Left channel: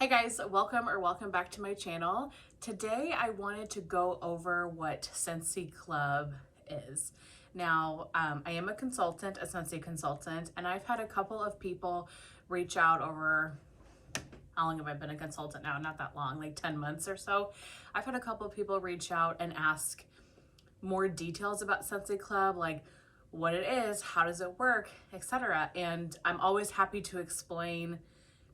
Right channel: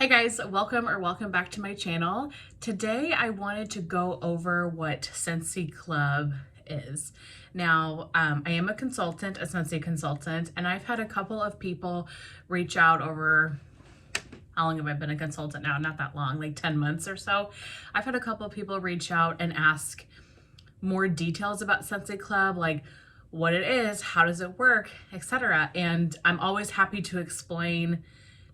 Hey guys, welcome back to my channel. Today I wanted to go over what SCENTSY Club is. Now, I am a consultant, a SCENTSY consultant, and I've had a couple of people reach out over, how long have I been a consultant now? Not that long, like 10 months or so. I've had a couple of people reach out and ask more details about SCENTSY Club, like what it is, how does it work, etc. And I'm always happy to explain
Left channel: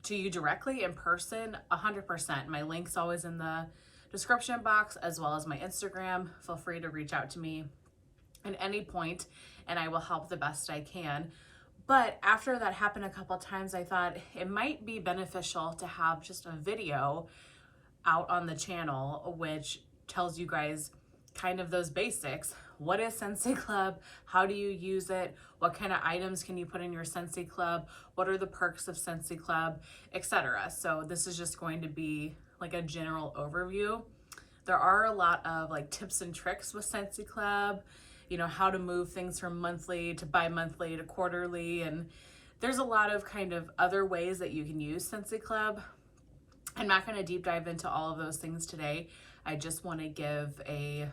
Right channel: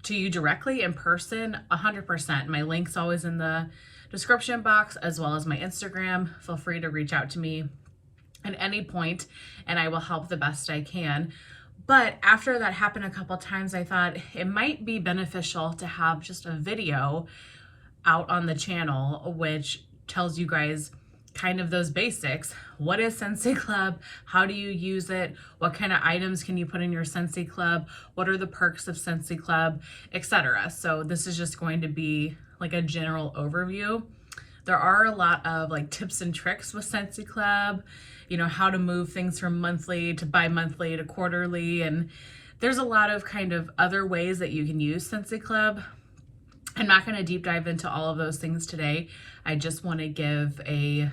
to you directly in person, 100%. My link's always in the description box, as well as my Instagram. Feel free to reach out to me at any point and I will help the best I can. But after that happened a couple times, I thought it might be beneficial to have just a video out on the channel which tells you guys kind of those basics. What is SCENTSY Club? How do you use it? What kind of items can you put in your SCENTSY Club? What are the perks of SCENTSY Club, etc. So this is just going to be like a general overview. There are a lot of like tips and tricks with SCENTSY Club, you know, how to move things from monthly to bi-monthly to quarterly, and there's a lot of kind of other ways that you can use SCENTSY Club. I'm not going to deep dive into all of those things today. I just want to give a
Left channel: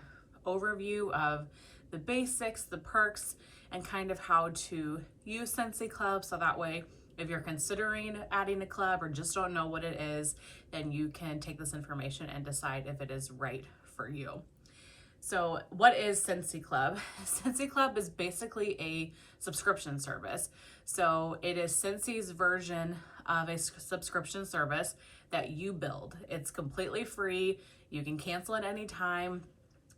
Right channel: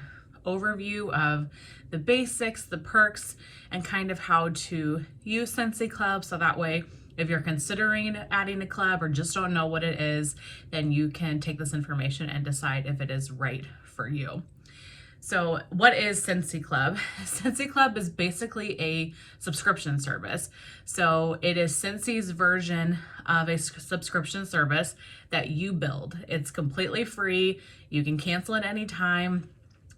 overview of the basics, the perks, and kind of how to use SCENTSY Club, so that way if you're considering adding a club or just don't know what it is, then you can take this information and decide if it is right for you. So what is SCENTSY Club? SCENTSY Club is basically a subscription service. So it is SCENTSY's version of a subscription service that you build. It's completely free. You can cancel at any time.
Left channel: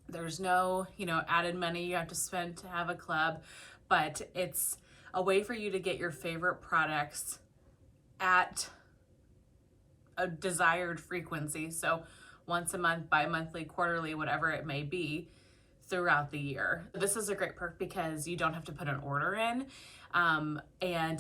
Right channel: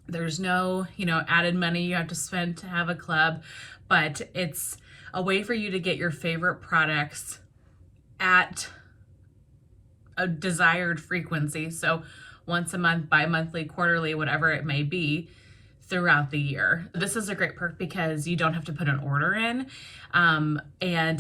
There's no, added money you have to spend to have a club, but it's a way for you to get your favorite products at a desired frequency. So once a month, bi-monthly, quarterly, whatever it may be, throughout the year. This is a great perk because you don't have to put an order in. And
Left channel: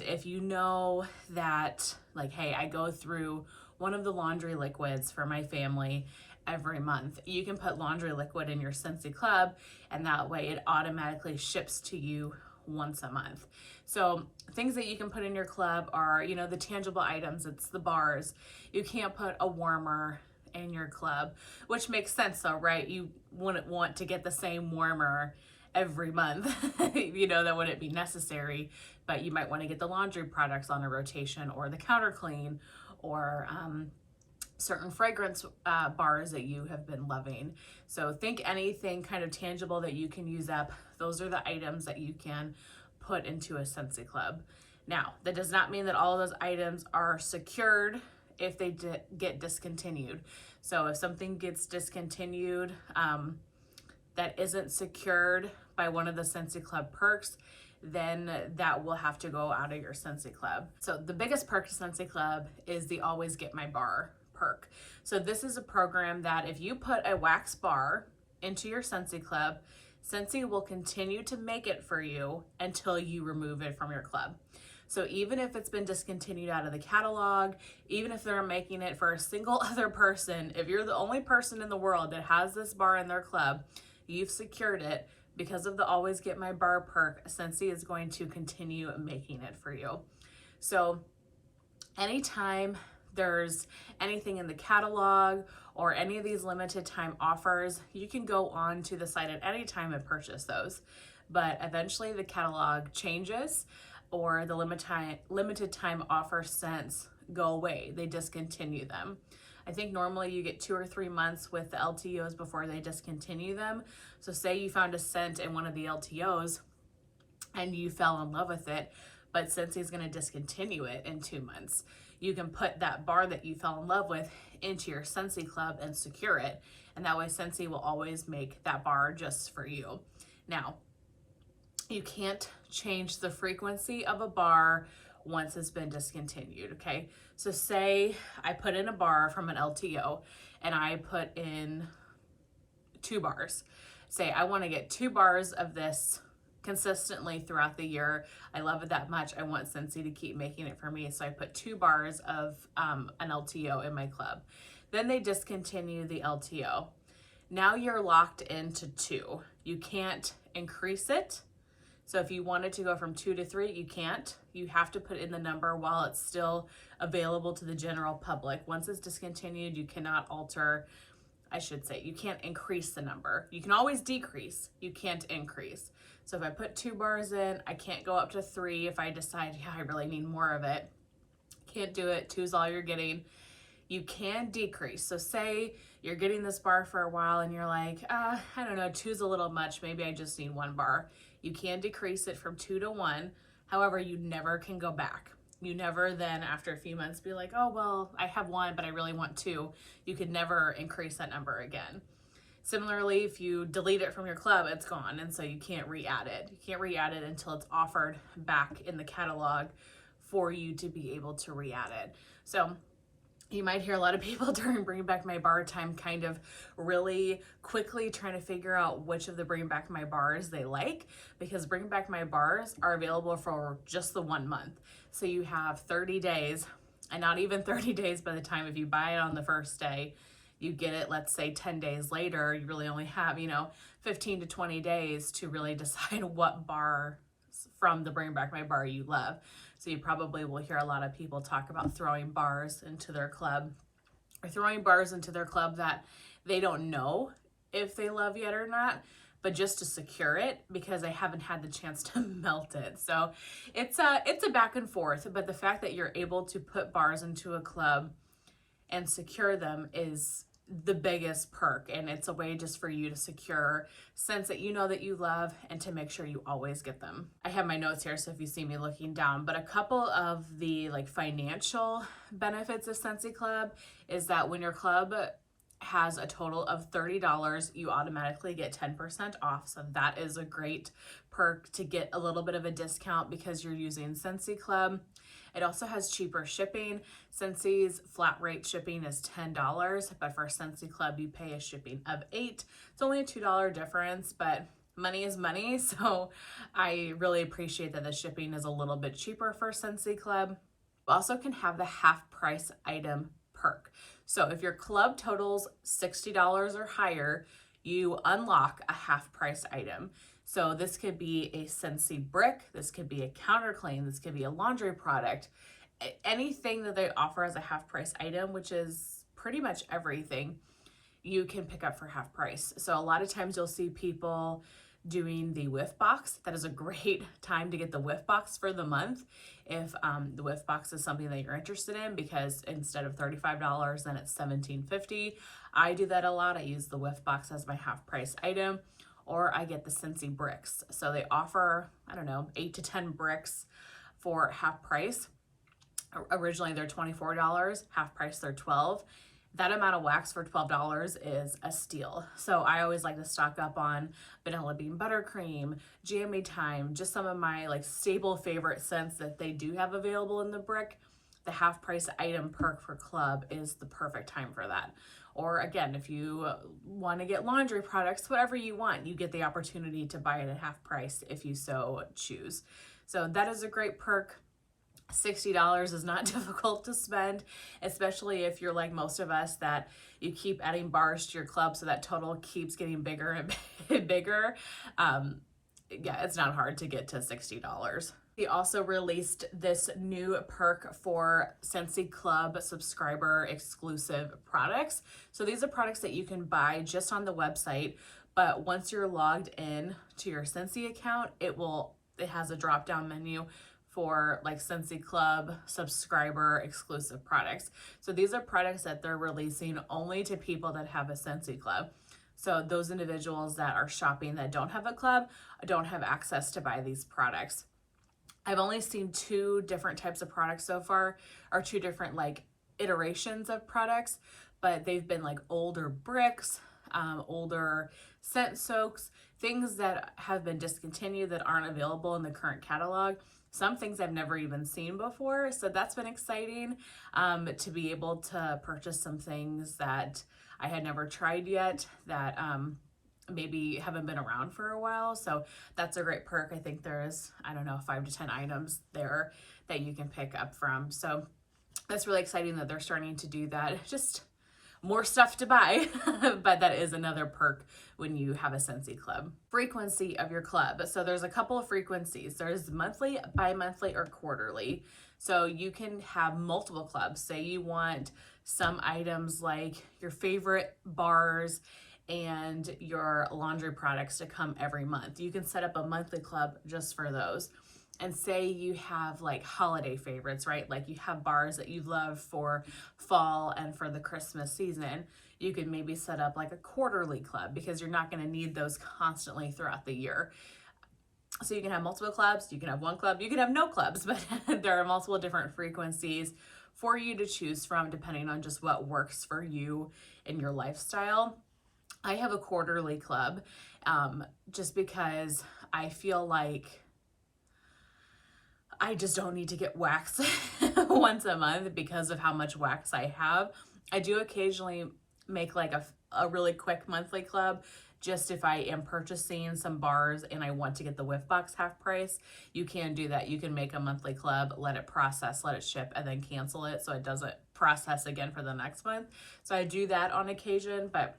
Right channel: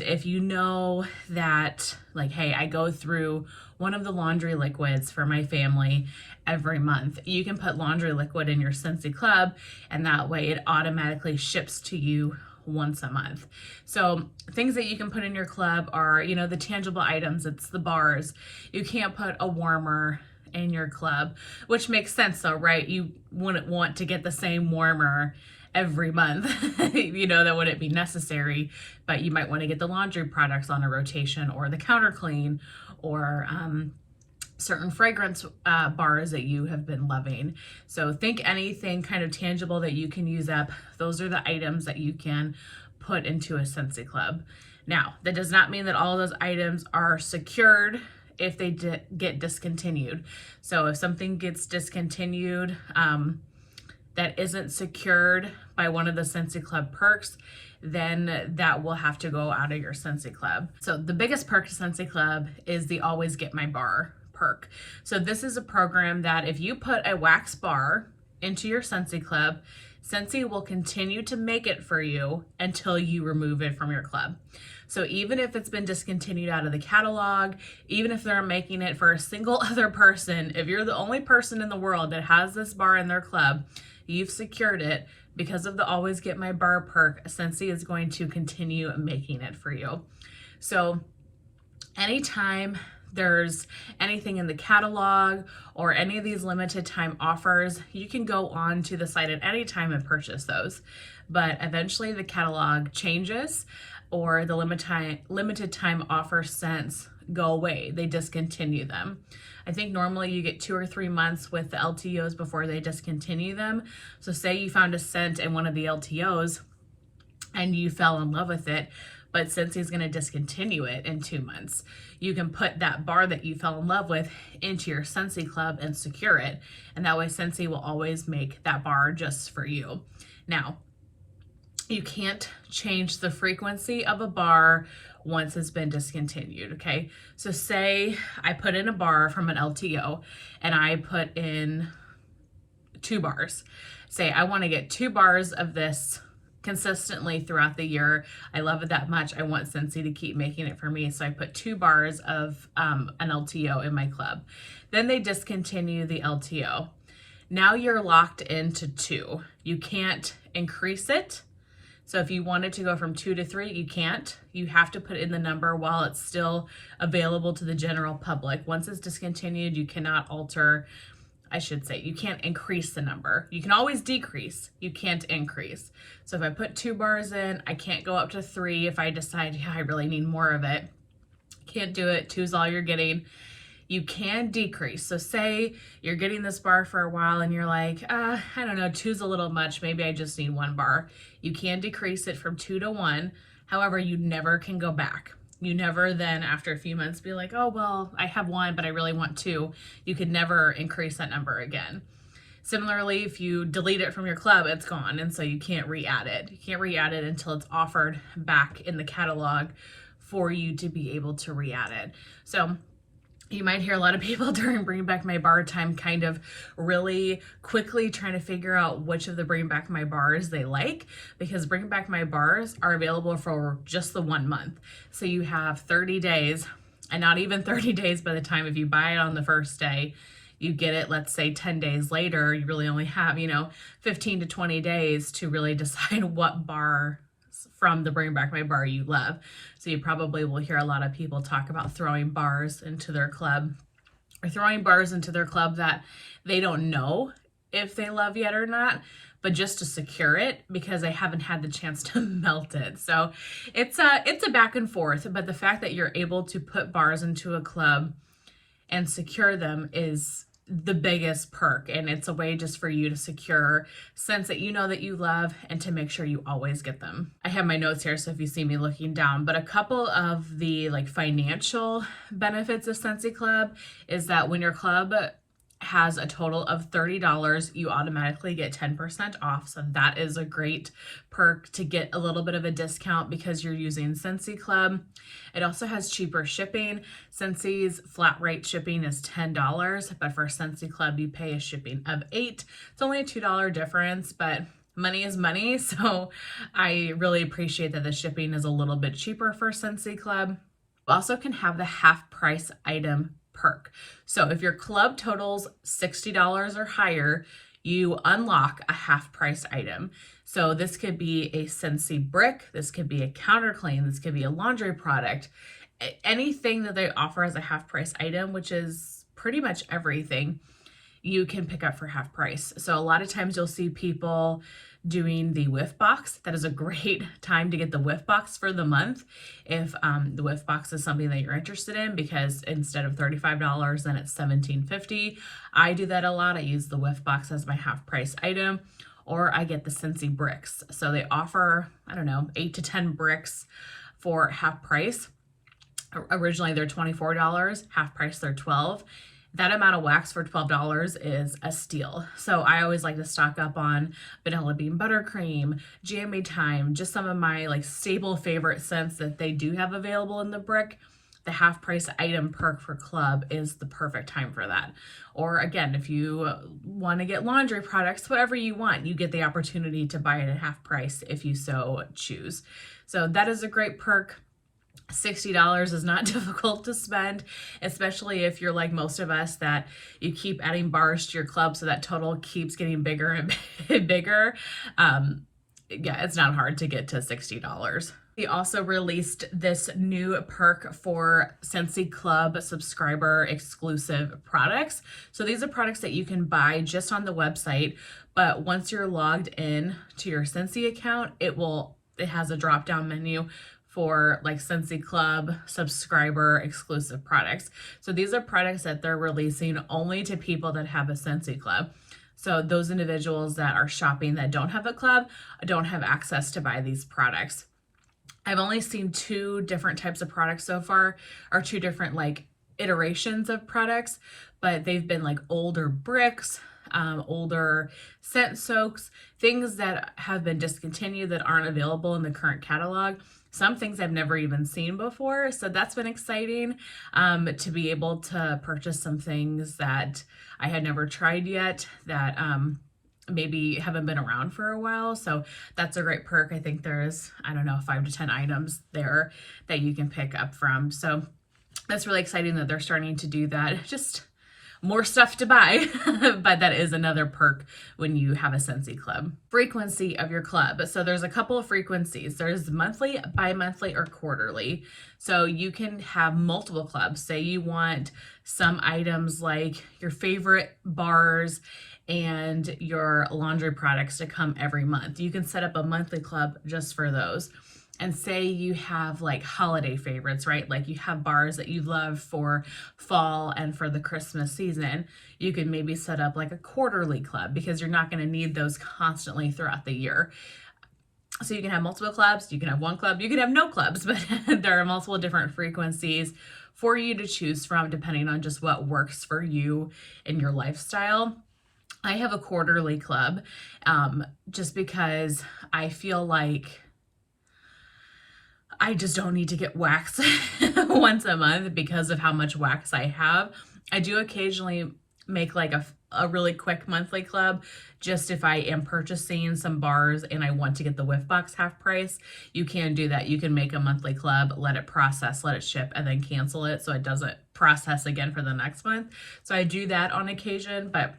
if you know that, like, hey, I go through one of the laundry liquids for my family every month, you can put laundry liquid in your SCENTSY Club, and that way it automatically ships to you once a month. So things that you can put in your club are, the tangible items. It's the bars. You can't put a warmer in your club, which makes sense though, right? You wouldn't want to get the same warmer every month. That wouldn't be necessary, but you might want to get the laundry products on a rotation, or the counter clean, or certain fragrance bars that you have been loving. So think anything kind of tangible that you can use up. Those are the items that you can put into a SCENTSY Club. Now, that does not mean that all those items are secured if they get discontinued. So if something gets discontinued that isn't secured by one of the SCENTSY Club perks, then that will have to go out of your SCENTSY Club. So the biggest perk to SCENTSY Club is the Always Get My Bar perk. So this is a program that if you put a wax bar into your SCENTSY Club, SCENTSY will continue to make it for you until you remove it from your club. So even if it's been discontinued out of the catalog, even if they're making it for a single other person, if you're the only person in the world that has this bar in their club, you've secured it because of the Always Get My Bar perk. SCENTSY is going to continue making it for you. So anytime there's anything in the catalog or any of these limited time offers, you can go on to the site at any time and purchase those. But eventually the catalog changes, or the limited time offer scents go away. They discontinue them. I think normally you get 2 or 3 months with the LTOs before they discontinue them. So say you found a scent in one of the LTOs and you fell in love with it, but SCENTSY is going to discontinue it in 2 months. You can put that bar that you fell in love with into your SCENTSY Club and secure it. And that way SCENTSY will always make that bar just for you. Now, you can't change the frequency of a bar once it's been discontinued, okay? So say I put in a bar from an LTO and I put in 2 bars. Say I want to get 2 bars of this consistently throughout the year. I love it that much. I want SCENTSY to keep making it for me. So I put 2 bars of an LTO in my club. Then they discontinue the LTO. Now you're locked into 2. You can't increase it. So if you wanted to go from 2 to 3, you can't. You have to put in the number while it's still available to the general public. Once it's discontinued, you cannot alter, I should say, you can't increase the number. You can always decrease, you can't increase. So if I put 2 bars in, I can't go up to 3 if I decide, yeah, I really need more of it. Can't do it. 2 is all you're getting. You can decrease. So say you're getting this bar for a while and you're like, I don't know, 2's a little much. Maybe I just need 1 bar. You can decrease it from 2 to 1. However, you never can go back. You never then, after a few months, be like, oh, well, I have 1, but I really want 2. You could never increase that number again. Similarly, if you delete it from your club, it's gone. And so you can't re-add it. You can't re-add it until it's offered back in the catalog for you to be able to re-add it. So you might hear a lot of people during Bring Back My Bar time kind of really quickly trying to figure out which of the Bring Back My Bars they like, because Bring Back My Bars are available for just the 1 month. So you have 30 days, and not even 30 days by the time if you buy it on the first day, you get it, let's say 10 days later, you really only have, 15 to 20 days to really decide what bar from the Bring Back My Bar you love. So you probably will hear a lot of people talk about throwing bars into their club, or throwing bars into their club that they don't know if they love yet or not, but just to secure it because they haven't had the chance to melt it. So it's a back and forth, but the fact that you're able to put bars into a club and secure them is the biggest perk, and it's a way just for you to secure scents that you know that you love and to make sure you always get them. I have my notes here, so if you see me looking down, but a couple of the financial benefits of SCENTSY Club is that when your club has a total of $30, you automatically get 10% off. So that is a great perk to get a little bit of a discount because you're using SCENTSY Club. It also has cheaper shipping. SCENTSY's flat rate shipping is $10, but for SCENTSY Club, you pay a shipping of $8. It's only a $2 difference, but money is money. So I really appreciate that the shipping is a little bit cheaper for SCENTSY Club. You also can have the half price item perk. So if your club totals $60 or higher, you unlock a half price item. So this could be a SCENTSY brick, this could be a counter clean, this could be a laundry product, anything that they offer as a half price item, which is pretty much everything, you can pick up for half price. So a lot of times you'll see people doing the whiff box. That is a great time to get the whiff box for the month if the whiff box is something that you're interested in, because instead of $35 then it's $17.50. I do that a lot. I use the whiff box as my half price item, or I get the SCENTSY bricks. So they offer, I don't know, 8 to 10 bricks for half price. Originally they're $24, half price they're $12. That amount of wax for $12 is a steal. So I always like to stock up on vanilla bean buttercream, jammy thyme, just some of my staple favorite scents that they do have available in the brick. The half price item perk for club is the perfect time for that. Or again, if you want to get laundry products, whatever you want, you get the opportunity to buy it at half price if you so choose. So that is a great perk. $60 is not difficult to spend, especially if you're like most of us that you keep adding bars to your club so that total keeps getting bigger and bigger. Yeah, it's not hard to get to $60. We also released this new perk for SCENTSY Club subscriber exclusive products. So these are products that you can buy just on the website, but once you're logged in to your SCENTSY account, it has a drop down menu for SCENTSY Club subscriber exclusive products. So these are products that they're releasing only to people that have a SCENTSY Club. So those individuals that are shopping that don't have a club don't have access to buy these products. I've only seen 2 different types of products so far, or 2 different iterations of products, but they've been older bricks, older scent soaks, things that have been discontinued that aren't available in the current catalog. Some things I've never even seen before, so that's been exciting to be able to purchase some things that I had never tried yet that maybe haven't been around for a while. So that's a great perk. I think there's, 5 to 10 items there that you can pick up from. So that's really exciting that they're starting to do that. Just more stuff to buy, but that is another perk when you have a Scentsy Club. Frequency of your club. So there's a couple of frequencies. There's monthly, bi-monthly, or quarterly. So you can have multiple clubs. Say you want some items like your favorite bars and your laundry products to come every month. You can set up a monthly club just for those. And say you have like holiday favorites, right? Like you have bars that you love for fall and for the Christmas season. You could maybe set up like a quarterly club because you're not going to need those constantly throughout the year. So you can have multiple clubs, you can have one club, you can have no clubs, but there are multiple different frequencies for you to choose from depending on just what works for you in your lifestyle. I have a quarterly club just because I feel like I just don't need to get wax once a month because of how much wax I have. I do occasionally make like a really quick monthly club just if I am purchasing some bars and I want to get the whiff box half price. You can do that. You can make a monthly club, let it process, let it ship, and then cancel it so it doesn't process again for the next month. So I do that on occasion, but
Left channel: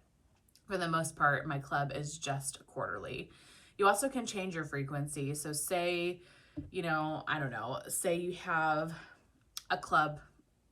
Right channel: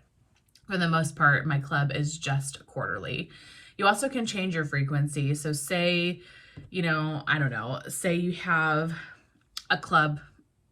for the most part, my club is just quarterly. You also can change your frequency. So say, you know, I don't know, say you have a club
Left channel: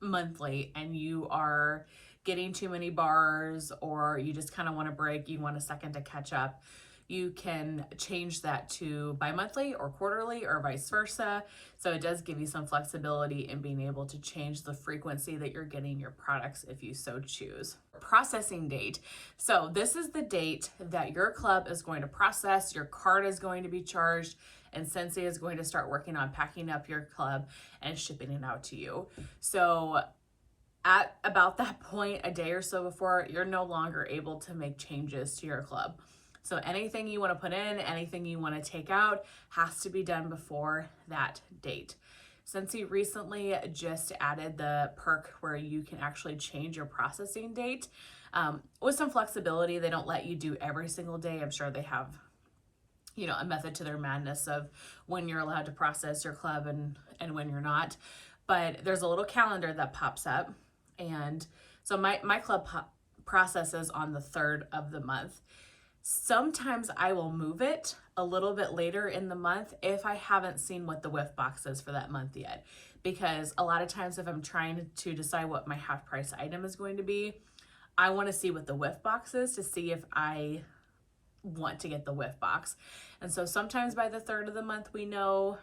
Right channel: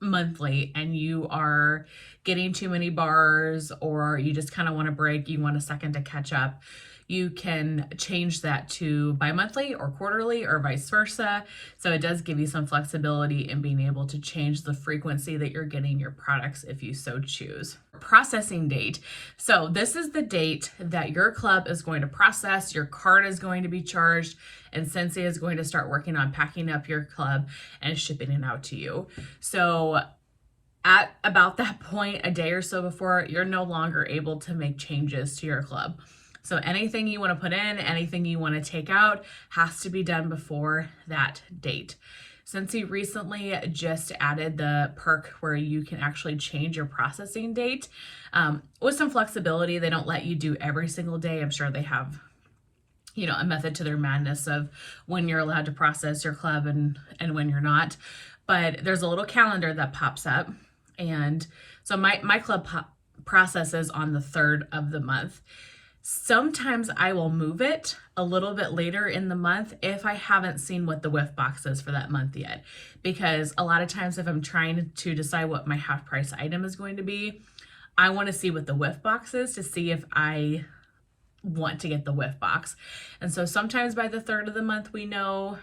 monthly and you are getting too many bars, or you just kind of want a break, you want a second to catch up, you can change that to bi-monthly or quarterly or vice versa. So it does give you some flexibility in being able to change the frequency that you're getting your products if you so choose. Processing date. So this is the date that your club is going to process, your card is going to be charged, and Scentsy is going to start working on packing up your club and shipping it out to you. So at about that point, a day or so before, you're no longer able to make changes to your club. So anything you want to put in, anything you want to take out has to be done before that date. Scentsy recently just added the perk where you can actually change your processing date with some flexibility. They don't let you do every single day. I'm sure they have, you know, a method to their madness of when you're allowed to process your club and when you're not. But there's a little calendar that pops up. And so my club processes on the 3rd of the month. Sometimes I will move it a little bit later in the month if I haven't seen what the whiff box is for that month yet. Because a lot of times if I'm trying to decide what my half price item is going to be, I want to see what the whiff box is to see if I want to get the whiff box. And so sometimes by the 3rd of the month, we know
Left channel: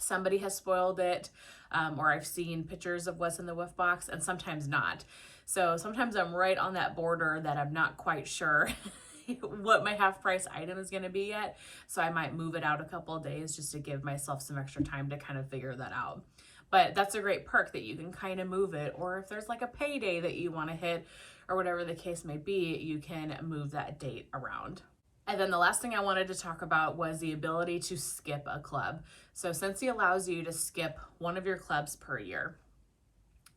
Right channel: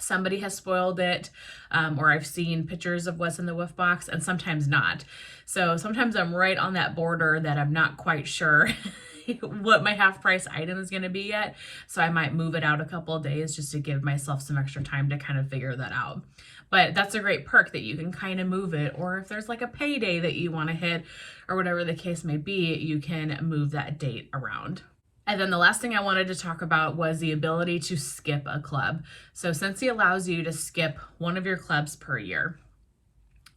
somebody has spoiled it, or I've seen pictures of what's in the whiff box, and sometimes not. So sometimes I'm right on that border that I'm not quite sure what my half price item is going to be yet. So I might move it out a couple of days just to give myself some extra time to kind of figure that out. But that's a great perk that you can kind of move it, or if there's like a payday that you want to hit or whatever the case may be, you can move that date around. And then the last thing I wanted to talk about was the ability to skip a club. So Scentsy allows you to skip one of your clubs per year.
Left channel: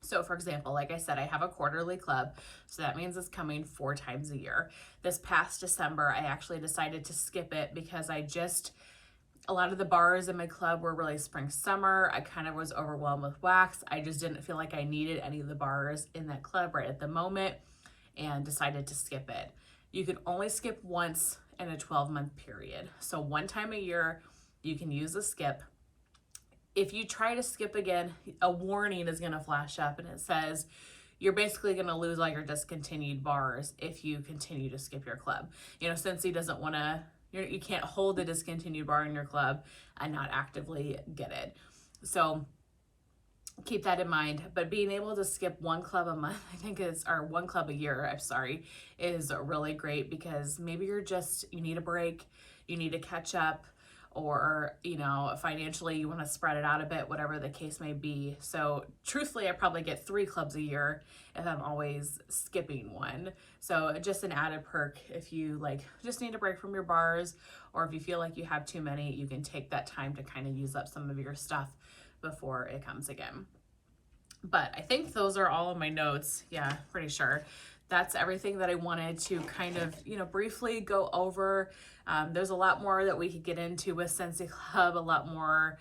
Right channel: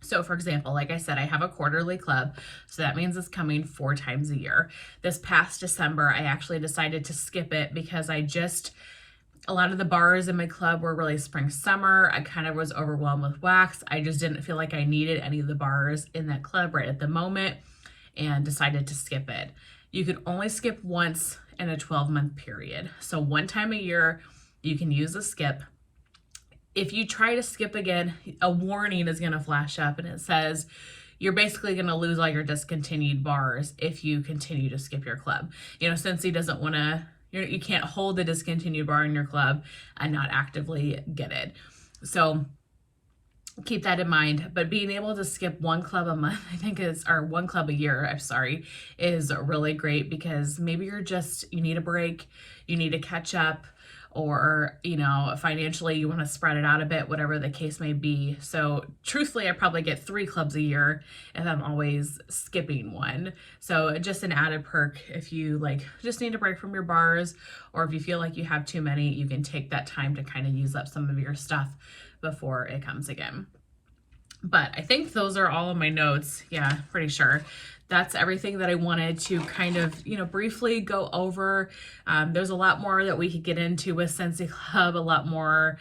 So for example, like I said, I have a quarterly club, so that means it's coming 4 times a year. This past December, I actually decided to skip it because a lot of the bars in my club were really spring, summer. I kind of was overwhelmed with wax. I just didn't feel like I needed any of the bars in that club right at the moment and decided to skip it. You can only skip once in a 12-month period. So one time a year, you can use the skip. If you try to skip again, a warning is going to flash up and it says you're basically going to lose all your discontinued bars if you continue to skip your club. You know, Scentsy doesn't want to, you can't hold the discontinued bar in your club and not actively get it. So keep that in mind. But being able to skip one club a month, or one club a year, I'm sorry, is really great because maybe you need a break, you need to catch up, or, you know, financially you want to spread it out a bit, whatever the case may be. So truthfully, I probably get 3 clubs a year if I'm always skipping one. So just an added perk if you just need a break from your bars, or if you feel like you have too many, you can take that time to kind of use up some of your stuff before it comes again. But I think those are all of my notes. Yeah, pretty sure. that's everything that I wanted to kind of, briefly go over. There's a lot more that we could get into with SCENTSY Club, a lot more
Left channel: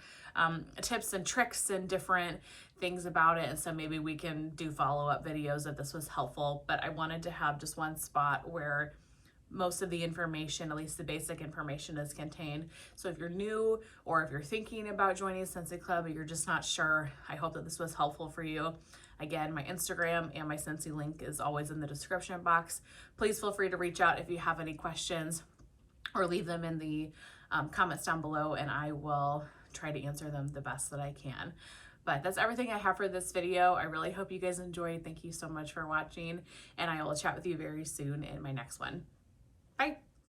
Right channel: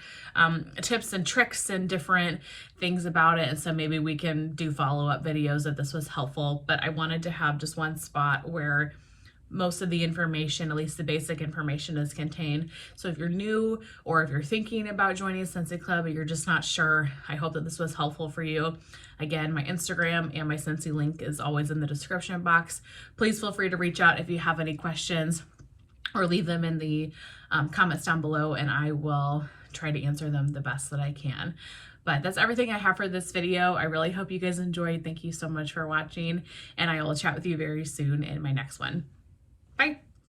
tips and tricks and different things about it. And so maybe we can do follow-up videos if this was helpful. But I wanted to have just one spot where most of the information, at least the basic information, is contained. So if you're new or if you're thinking about joining SCENTSY Club but you're just not sure, I hope that this was helpful for you. Again, my Instagram and my SCENTSY link is always in the description box. Please feel free to reach out if you have any questions or leave them in the comments down below, and I will try to answer them the best that I can. But that's everything I have for this video. I really hope you guys enjoyed. Thank you so much for watching, and I will chat with you very soon in my next one. Bye.